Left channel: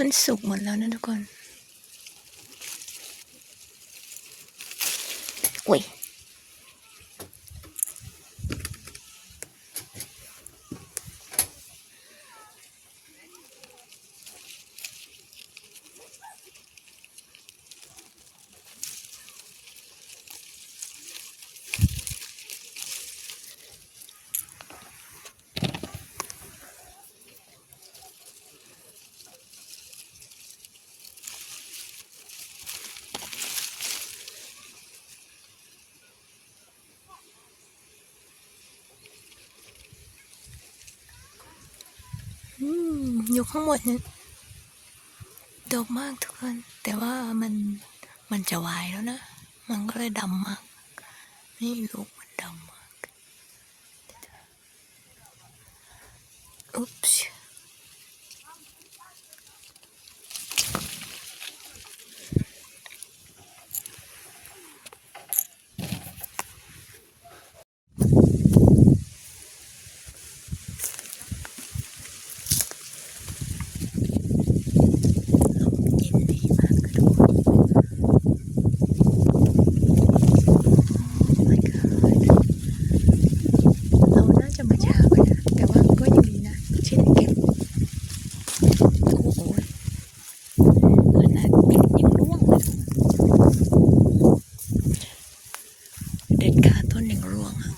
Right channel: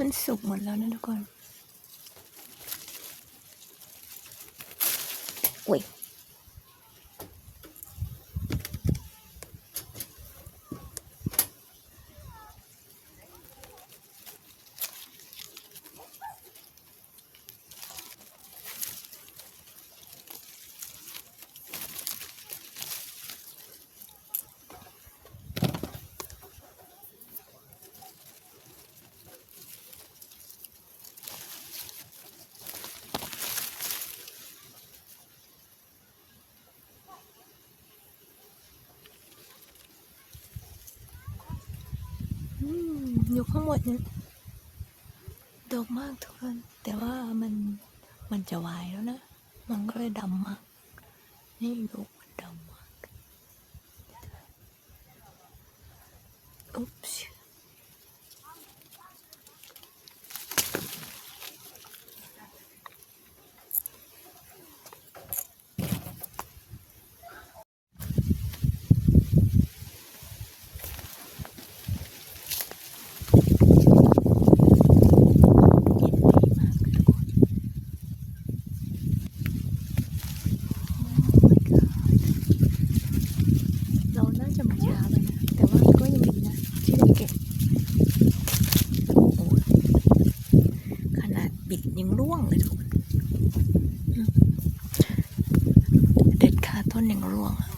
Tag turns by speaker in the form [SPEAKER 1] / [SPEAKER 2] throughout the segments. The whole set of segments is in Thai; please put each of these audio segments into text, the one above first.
[SPEAKER 1] มันสุกหมดแล้วนะทุกคนอุ้ย อืม อยู่ข้างบนเนี่ยดกมากทุกคน แต่ว่ามันมันจะวายแล้วนะ มันก็เลยดำมาก นี่ลูกมันดำมาก อุ๊บส์เย็นดีมากเลยทุกคน Oh my god เราน่าจะมาช้าไปนะ แต่ว่าก็ยังดีนะที่ได้เก็บ โอ้โหขนาดปิดยังร่วงเลยเด็ดขาต้นยังร่วงอะ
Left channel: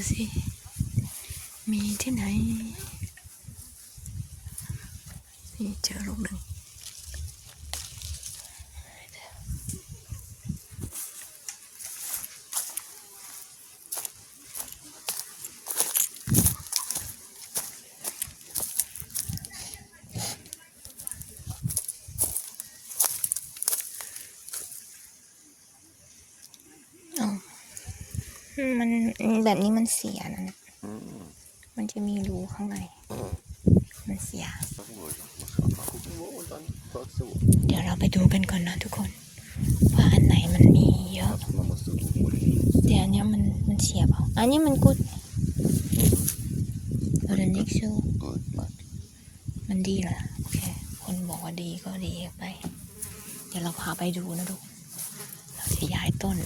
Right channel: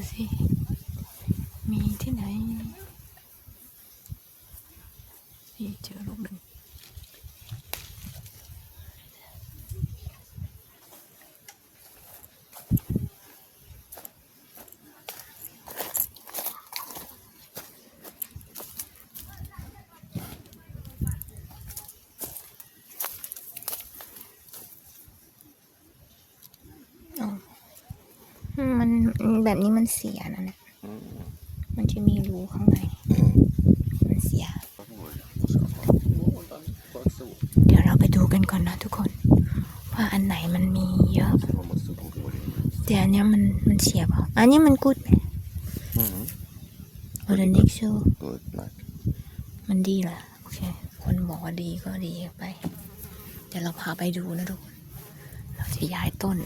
[SPEAKER 1] ดูสิ ดูสิ มีที่ไหน นี่เจอลูกหนึ่ง อ๋อ มันแบบนี้มันเสียนะเนี่ยมันจะมีรูข้างใน มันเสีย
[SPEAKER 2] Dat is mooi. Dat is grappig. Wow, dan pak ze op.
[SPEAKER 1] เดี๋ยวเราไปดูกันก่อนนะทุกคน ว่าอันไหนมันมีเยอะ
[SPEAKER 2] Dan moet ze ook mooi.
[SPEAKER 1] แต่อันเนี้ยมันมันเสียเปล่าอันนี้มันกุดไหมโอเดนิกชู
[SPEAKER 2] Goed, kijk.
[SPEAKER 1] มันดีเหรอโอเค คนบอกว่าดีก็ดีไป เดี๋ยวเราพาไปดูนะทุกคนเราจะย้ายต้น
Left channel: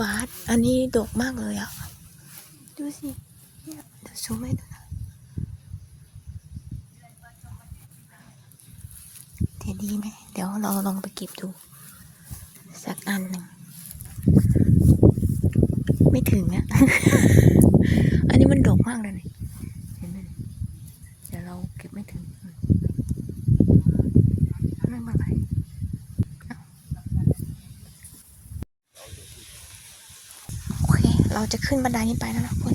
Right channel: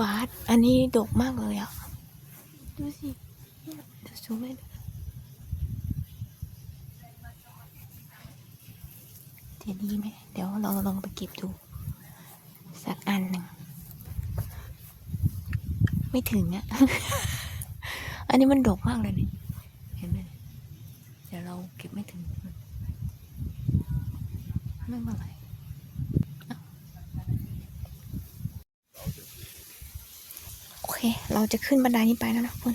[SPEAKER 1] บาสอันนี้ดกมากเลยอะ ดูสิเนี่ยดี๋ยวซูมให้ดูนะเดี๋ยวดีไหม เดี๋ยวเราลองไปเก็บดู สักอันหนึ่ง ไม่ถึงอะอันนี้มันดกมากเลยนี่ เห็นไหมเนี่ยเดี๋ยวเราเก็บไม่ถึง ไม่เป็นไรเอ้าโอเค เรา จะขึ้นบันไดนี้ไปแล้วนะคุณ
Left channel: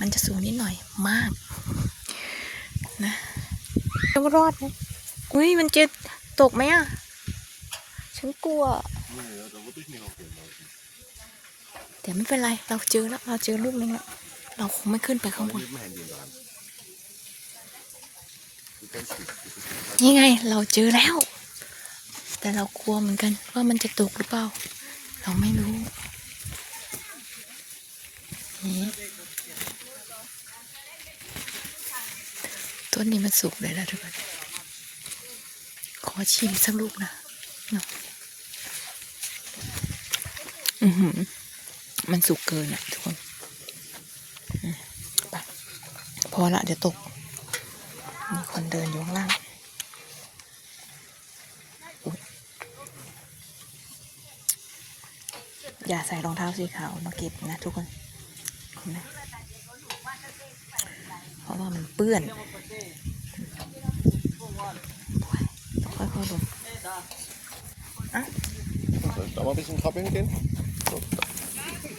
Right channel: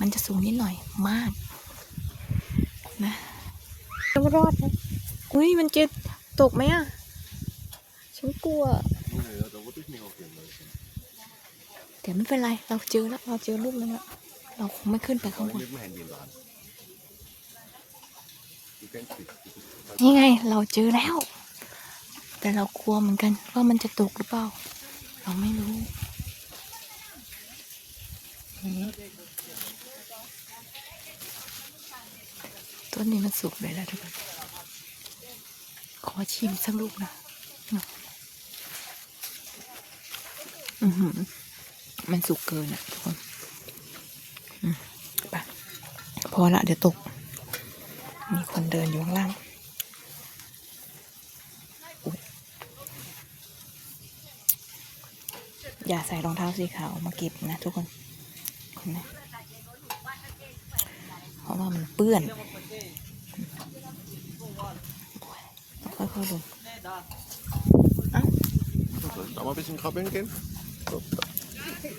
[SPEAKER 1] มันจะสูงนิดหน่อยมาก นะต้องรอดไหมอุ้ยมันจะตกไหมอะ ฉันกลัว แต่ไม่เป็นไร เราเจอแล้ว เราเจอลูกนึงแล้วเราคงไม่ขึ้นไปข้างบน นี่ไง เราเจอแล้ว แต่เรากลัวเหมือนกันว่ามันจะตกหรือเปล่า เราไม่รู้ ต้นนี้มันสุกเลยแล้วทุกคน ขอชิมสักลูกนะเนาะอือหือ มันสุกเกินอะทุกคนไปพอละเดี๋ยวตก มีคนเดินอยู่ข้างล่างอย่าใส่รองเท้าสีขาวมาเก็บนะทุกคน เพราะว่ามันเปื้อนต้องค่อยๆลง
[SPEAKER 2] Dan maar een beetje een grap in, kind.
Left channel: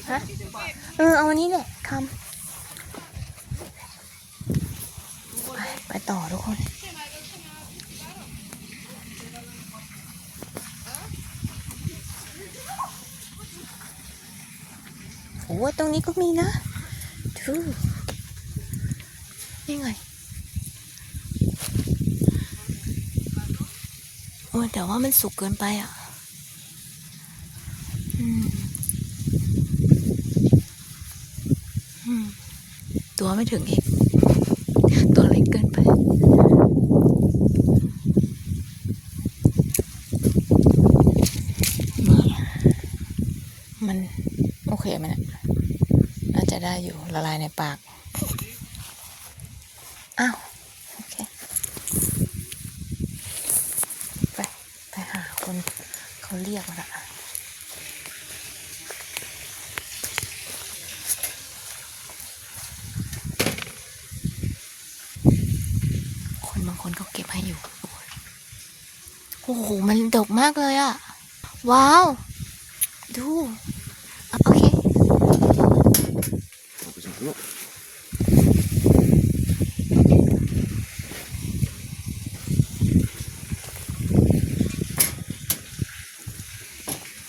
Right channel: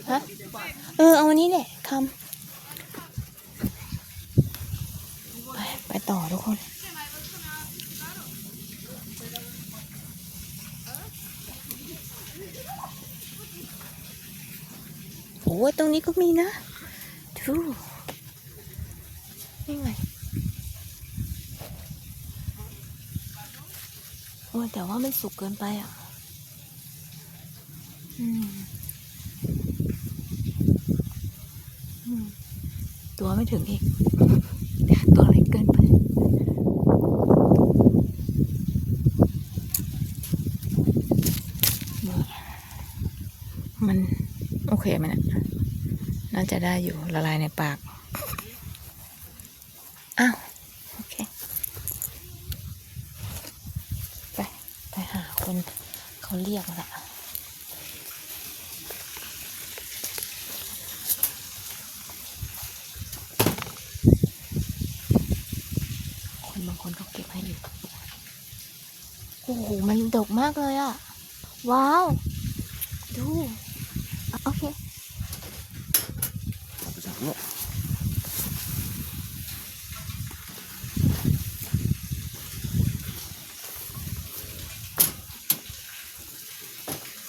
[SPEAKER 1] ฮะเออเอาอันนี้แหละคำไปไปต่อทุกคน โอ้ยตรงนี้ก็มีนะ ดูนี่ไงโอ้แต่ว่ามันสุกเกินไปอะ อืมมตัวไม่ถึงอีก ตัวเล็กเกินไปนี่มัน โอเคไหมเนะน่า จะได้อยู่ละลายในปาก อ้าว โอเค ไป ไปหาคนเขาเรียกมาละคนบางคนเขาเก็บให้อยู่ โอ้โห มันดกมากเลยอะว้าว ดูอะโอเค
[SPEAKER 2] Dat is een knop.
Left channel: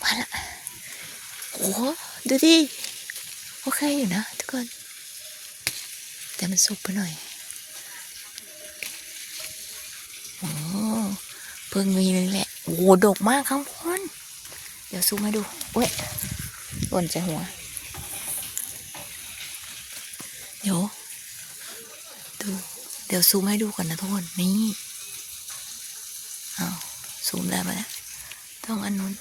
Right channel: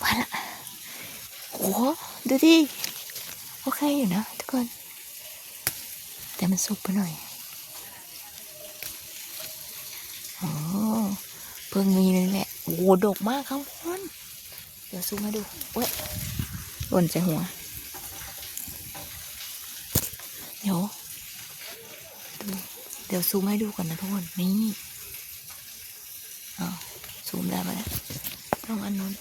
[SPEAKER 1] มาละโอ้โหดูดิ โอเคอยู่นะทุกคน แต่มันสุกไปหน่อย โอ้เพิ่งมีเลยแหละ โอ้โหดกมากข้างบน เดี๋ยวซูมให้ดูเว้ยหล่นใจหัว เดี๋ยว ดู เดี๋ยวซูมให้ดูก่อนนะทุกคน นี่เอาซูมได้ปะเนี่ยต้องอันนู้น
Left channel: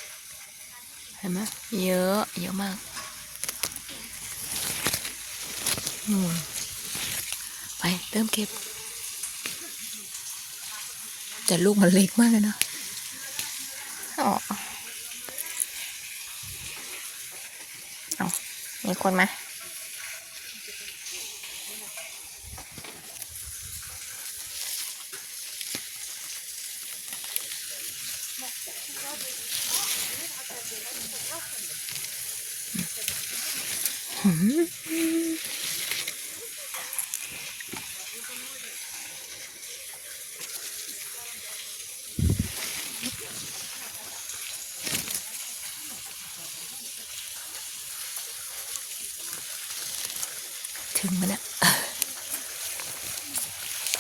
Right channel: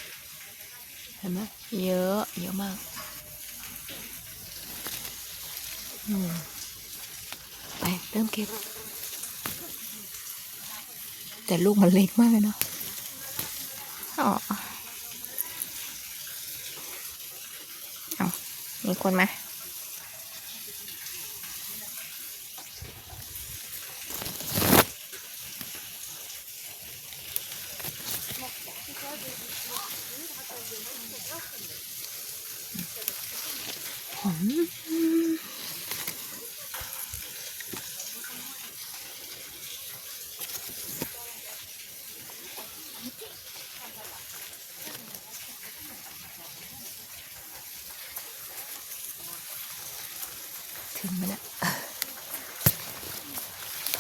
[SPEAKER 1] เห็นไหมเยอะ เยอะมาก อืม เริ่มเก็บ แต่ลูกมันเล็กมากเลยเนอะอ๋อเอามีคนไหมหืม ถึงมันเนี่ย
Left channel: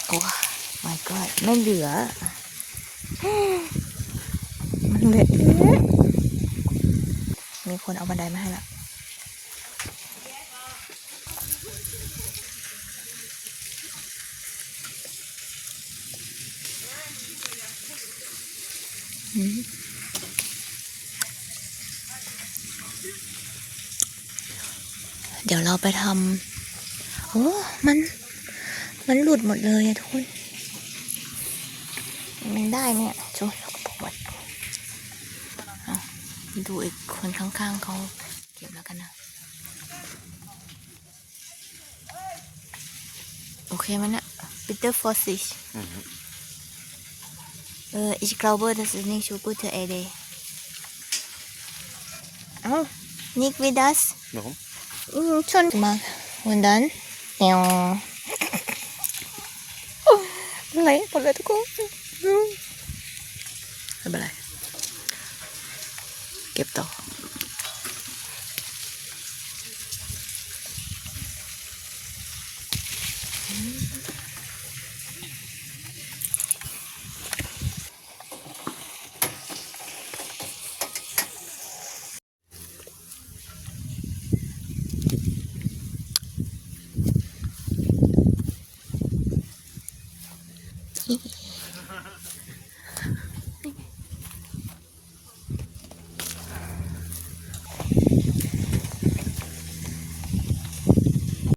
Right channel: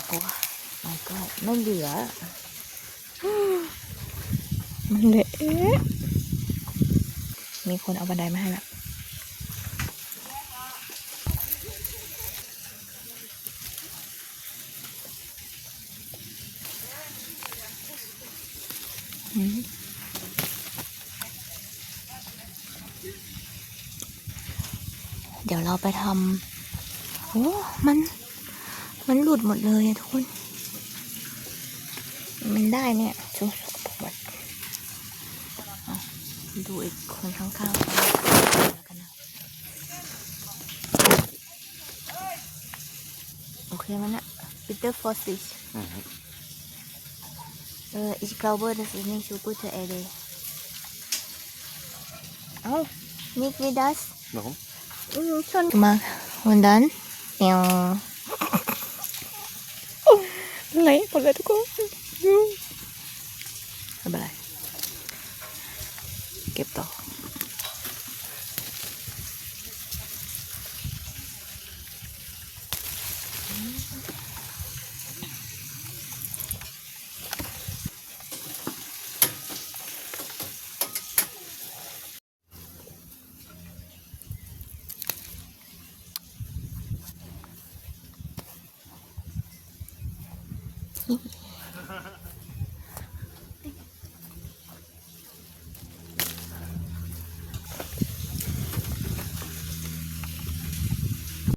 [SPEAKER 1] โอ้ my god ไม่เหลือ มันเหลือมีคนเอาบันไดมาให้แล้วอืมเดี๋ยวเราไปทำ โอ้มัน มันหลุดหมดเลยอะทุกคน มันได้ไหมอะโซ่ปวดอะดูอีกคนข้างๆเขาแล้วกันนะ โอเคมันอะปีเตอร์ฟอสซิช Äh, ich glaube, das ist nicht so gute Idee. Oh, nicht wie das.
[SPEAKER 2] Waarom?
[SPEAKER 1] Hm, schon mal. Und dann? Ja. Oh, เละหมดเลยทุกคนไม่เป็นไรเก็บต่อ